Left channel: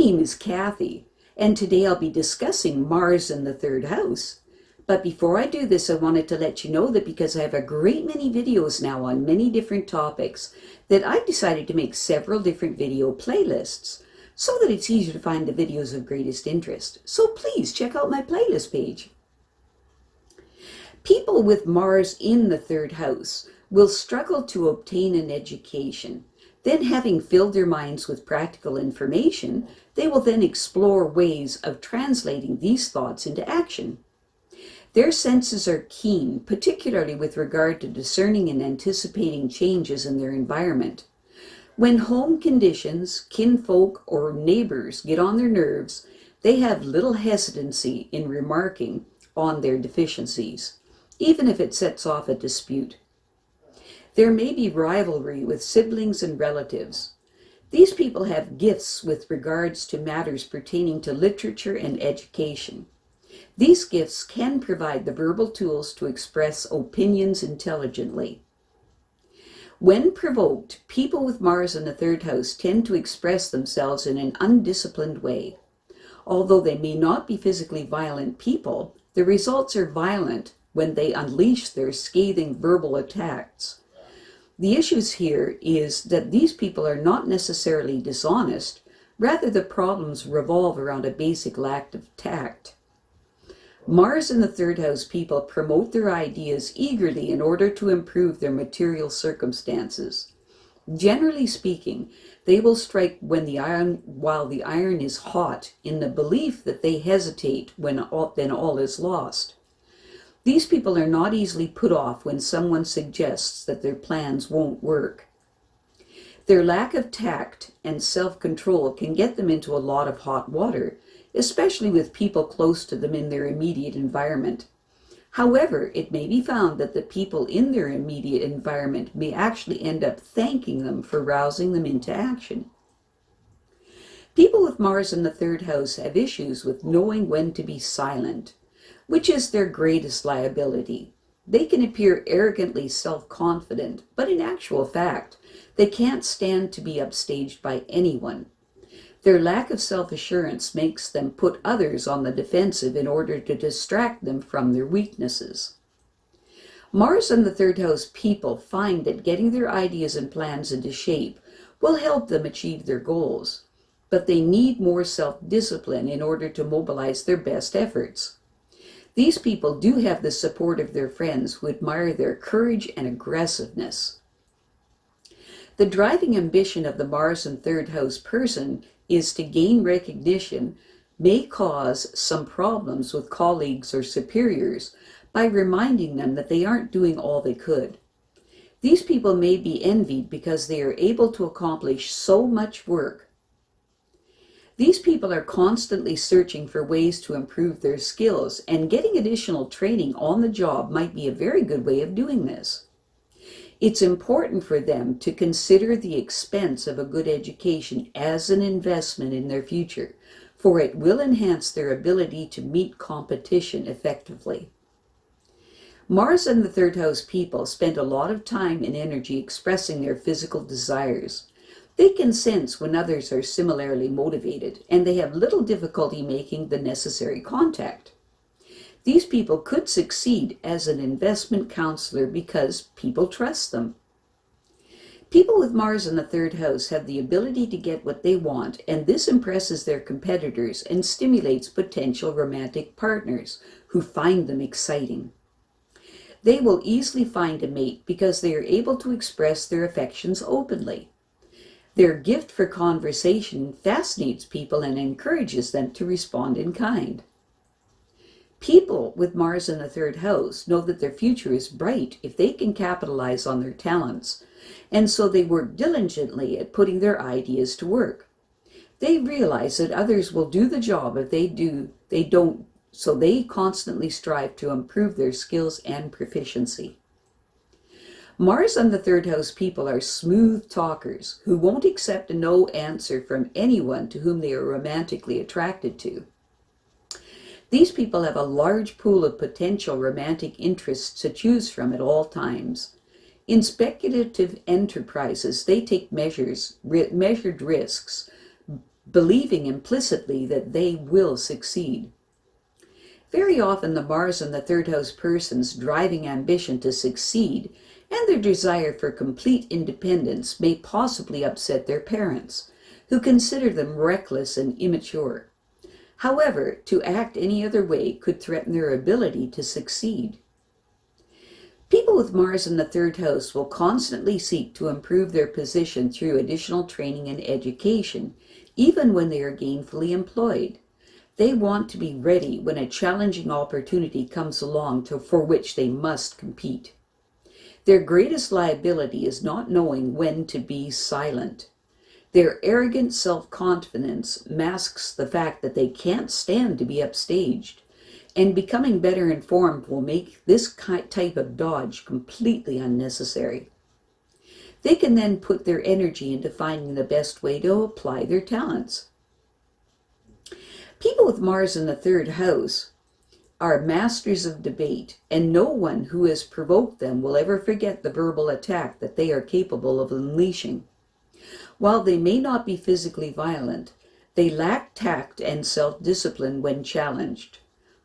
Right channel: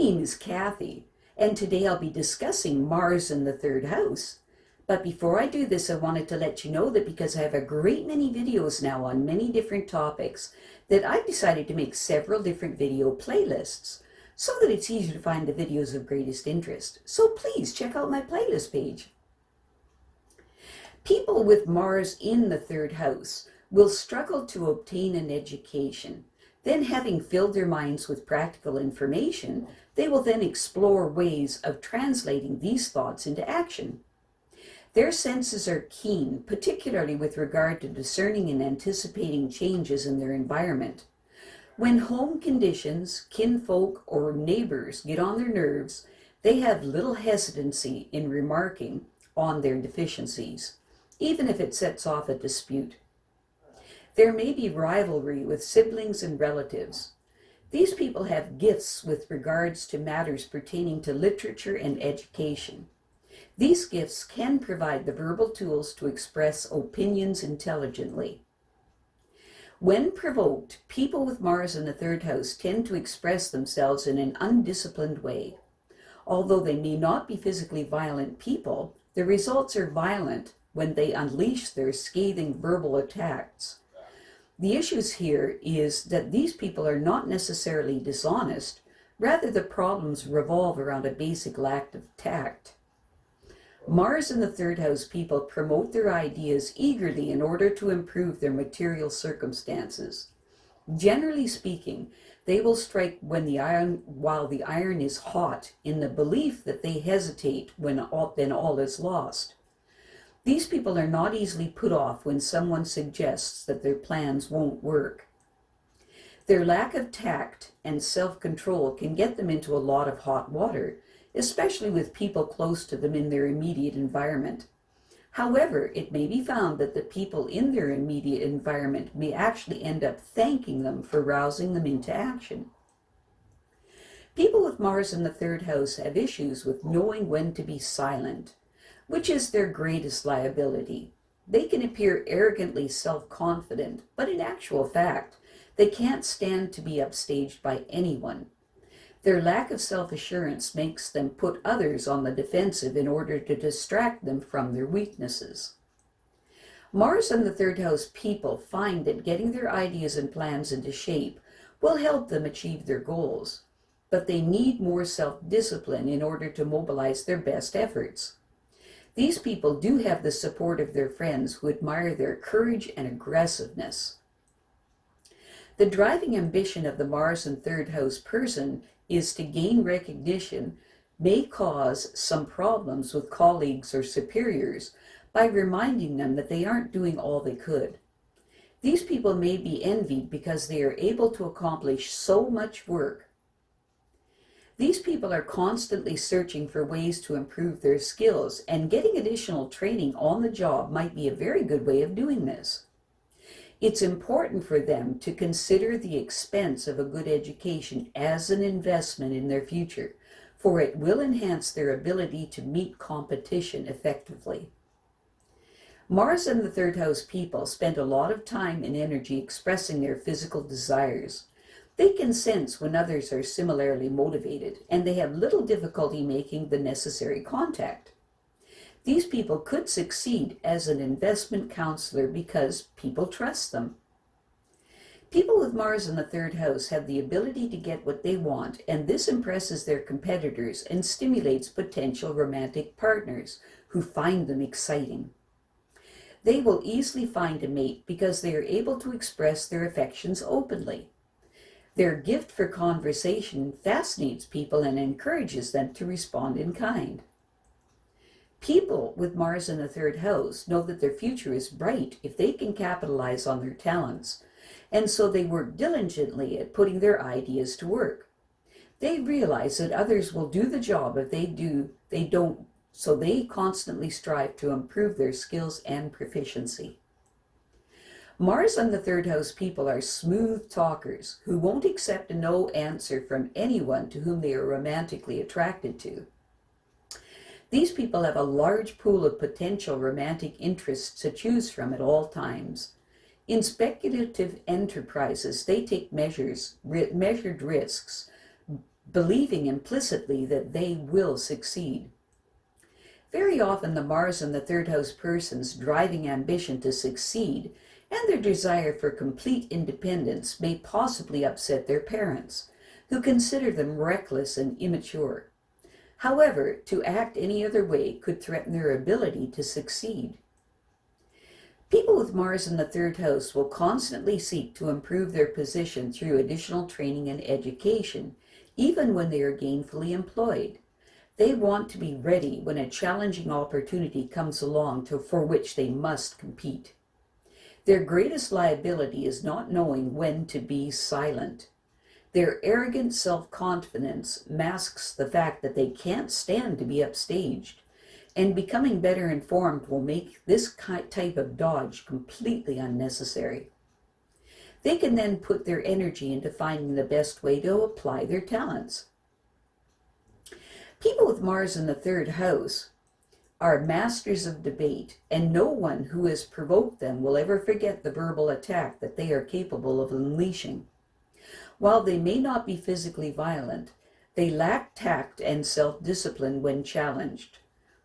name is Kathy, and today I'll be discussing Mars in the third house. But before I do this, I wanted to let you know that because I have a great many videos now on many different topics, that I've decided to make several different video playlists so that it's easier to find the videos of greatest interest. So please check out my playlist page. People with Mars in the third house will struggle to obtain an education. Then, having filled their minds with practical information, they will then explore ways of translating these thoughts into action. Their senses are keen, particularly with regard to discerning and anticipating changes in their environment. When home conditions, kinfolk, or neighbors get on their nerves, they have little hesitancy in remarking on their deficiencies, even if it sets off a dispute. There may be rivalry with siblings and relatives. These people have gifts with regards to matters pertaining to literature and education. These gifts can provide the verbal tools to express opinions intelligently. When provoked, people with Mars in the third house tend to express themselves in an undisciplined way. Although they may not be physically violent people, the results are violent when they unleash their scathing verbal attacks. The issues here is that these people are not necessarily dishonest, rather the problems revolve around a basic lack of tact. Mars in the third house people promote their ideas eagerly in order to improve their material circumstances. Generally speaking, they will strike while the iron is hot, in the belief that they hesitate when all is lost. These people are not easily put off when someone suggests that their plans won't work. Their lack of tact and self-control can get them into a lot of hot water, especially with people close to them in their immediate environment. However, it may be found that the people in their immediate environment may actually end up thanking them for rousing them into action. People with Mars in the third house have issues with knowing when to be silent, which is their greatest liability. They can appear arrogantly self-confident, but in actual fact, they can't stand to be upstaged by anyone. Their lack of self-assurance makes them put others on the defensive in order to distract them from their weaknesses. Mars in the third house people find that getting their ideas and plans into shape will help them achieve their goals, but they need more self-discipline in order to mobilize their best efforts. These people do have the support of their friends who admire their courage and aggressiveness. The driving ambition of the Mars in third house person is to gain recognition, may cause some problems with colleagues or superiors by reminding them that they aren't doing all they could. These people may be envied because they are able to accomplish so much work. These people are constantly searching for ways to improve their skills, and getting additional training on the job might be a very good way of doing this. It's important for them to consider the expense of a good education as an investment in their future, for it will enhance their ability to meet competition effectively. Mars in the third house people spend a lot of time and energy expressing their physical desires. They can sense when others are similarly motivated, and they have little difficulty making the necessary contact. These people could succeed as an investment counselor because people trust them. People with Mars in the third house have the ability to get what they want, and this impresses their competitors and stimulates potential romantic partners who find them exciting. They will easily find a mate because they are able to express their affections openly. Their gift for conversation fascinates people and encourages them to respond in kind. People with Mars in the third house know that their future is bright if they can capitalize on their talents, and so they work diligently at putting their ideas to work. They realize that others will do the job if they don't, so they constantly strive to improve their skills and proficiency. Mars in the third house people are smooth talkers who won't accept a no answer from anyone to whom they are romantically attracted to. These people have a large pool of potential romantic interests to choose from at all times. In speculative enterprises, they take measured risks, believing implicitly that they will succeed. Very often the Mars in the third house person's driving ambition to succeed and their desire for complete independence may possibly upset their parents, who consider them reckless and immature. However, to act any other way could threaten their ability to succeed. People with Mars in the third house will constantly seek to improve their position through additional training and education, even when they are gainfully employed. They want to be ready when a challenging opportunity comes along for which they must compete. Their greatest liability is not knowing when to be silent. Their arrogant self-confidence masks the fact that they can't stand to be upstaged, and becoming better informed will make this type of dodge completely unnecessary. They can then put their energy into finding the best way to apply their talents. People with Mars in the third house are masters of debate, and no one who has provoked them will ever forget the verbal attack that they are capable of unleashing. While they may not be physically violent, they lack tact and self-discipline when challenged.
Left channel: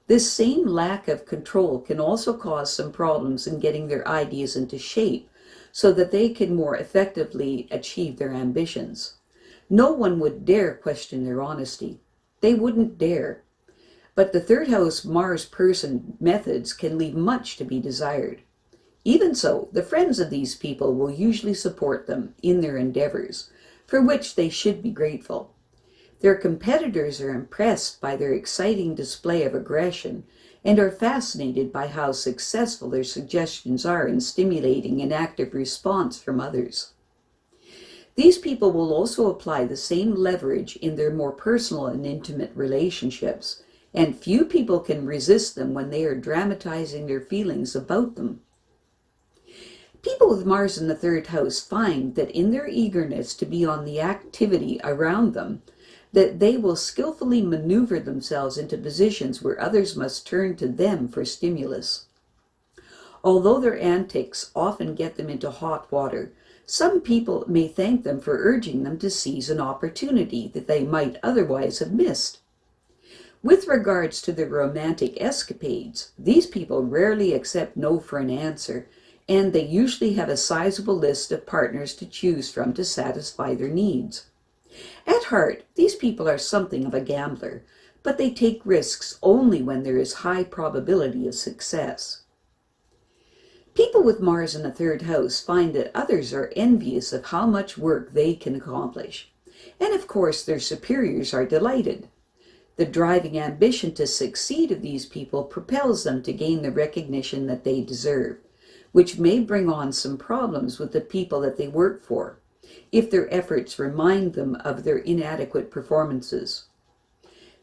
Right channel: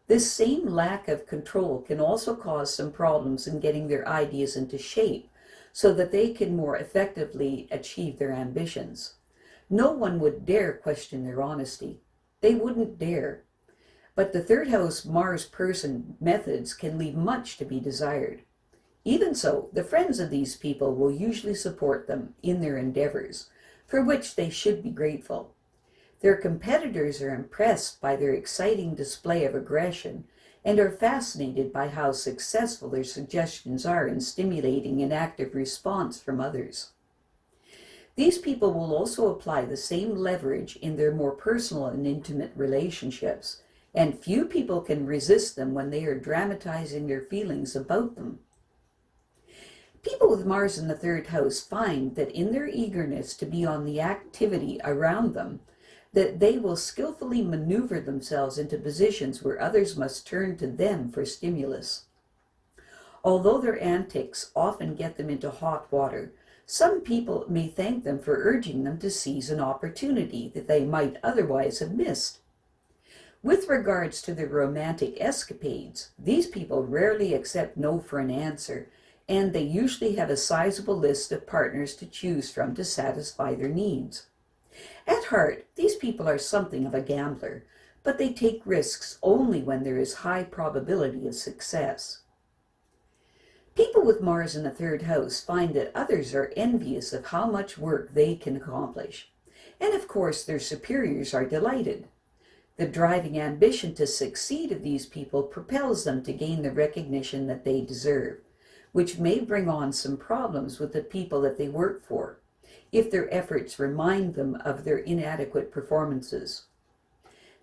This same lack of control can also cause some problems in getting their ideas into shape so that they can more effectively achieve their ambitions. No one would dare question their honesty. They wouldn't dare. But the third house Mars person methods can leave much to be desired. Even so, the friends of these people will usually support them in their endeavors, for which they should be grateful. Their competitors are impressed by their exciting display of aggression and are fascinated by how successful their suggestions are in stimulating an active response from others. These people will also apply the same leverage in their more personal and intimate relationships, and few people can resist them when they are dramatizing their feelings about them. People with Mars in the third house find that in their eagerness to be on the activity around them, that they will skillfully maneuver themselves into positions where others must turn to them for stimulus. Although their antics often get them into hot water, some people may thank them for urging them to seize an opportunity that they might otherwise have missed. With regards to their romantic escapades, these people rarely accept no for an answer, and they usually have a sizable list of partners to choose from to satisfy their needs. At heart, these people are something of a gambler, but they take risks only when there is high probability of success. People with Mars in the third house find that others are envious of how much work they can accomplish, and of course their superiors are delighted. The driving ambition to succeed of these people propels them to gain the recognition that they deserve, which may bring on some problems with the people that they work for, if their efforts remind them of their inadequate performances.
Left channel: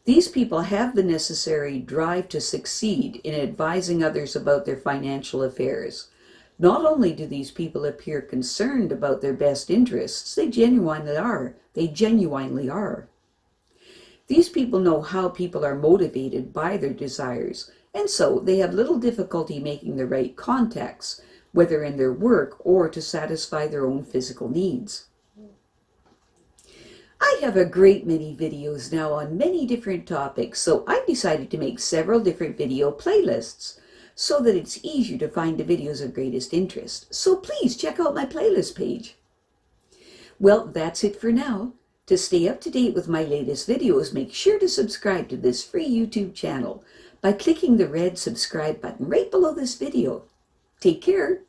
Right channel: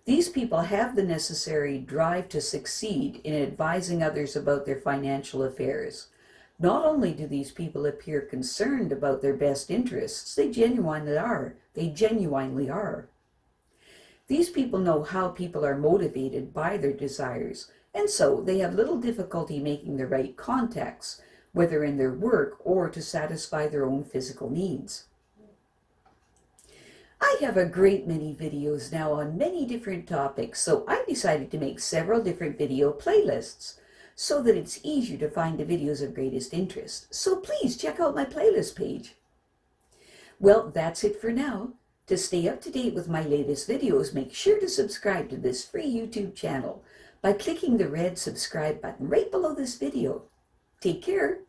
These people have the necessary drive to succeed in advising others about their financial affairs. Not only do these people appear concerned about their best interests, they genuinely are. These people know how people are motivated by their desires, and so they have little difficulty making the right contacts, whether in their work or to satisfy their own physical needs. I have a great many videos now on many different topics, so I've decided to make several different video playlists so that it's easier to find the videos of greatest interest. So please check out my playlist page. Well, that's it for now. To stay up to date with my latest videos, make sure to subscribe to this free YouTube channel by clicking the red subscribe button right below this video. Take care.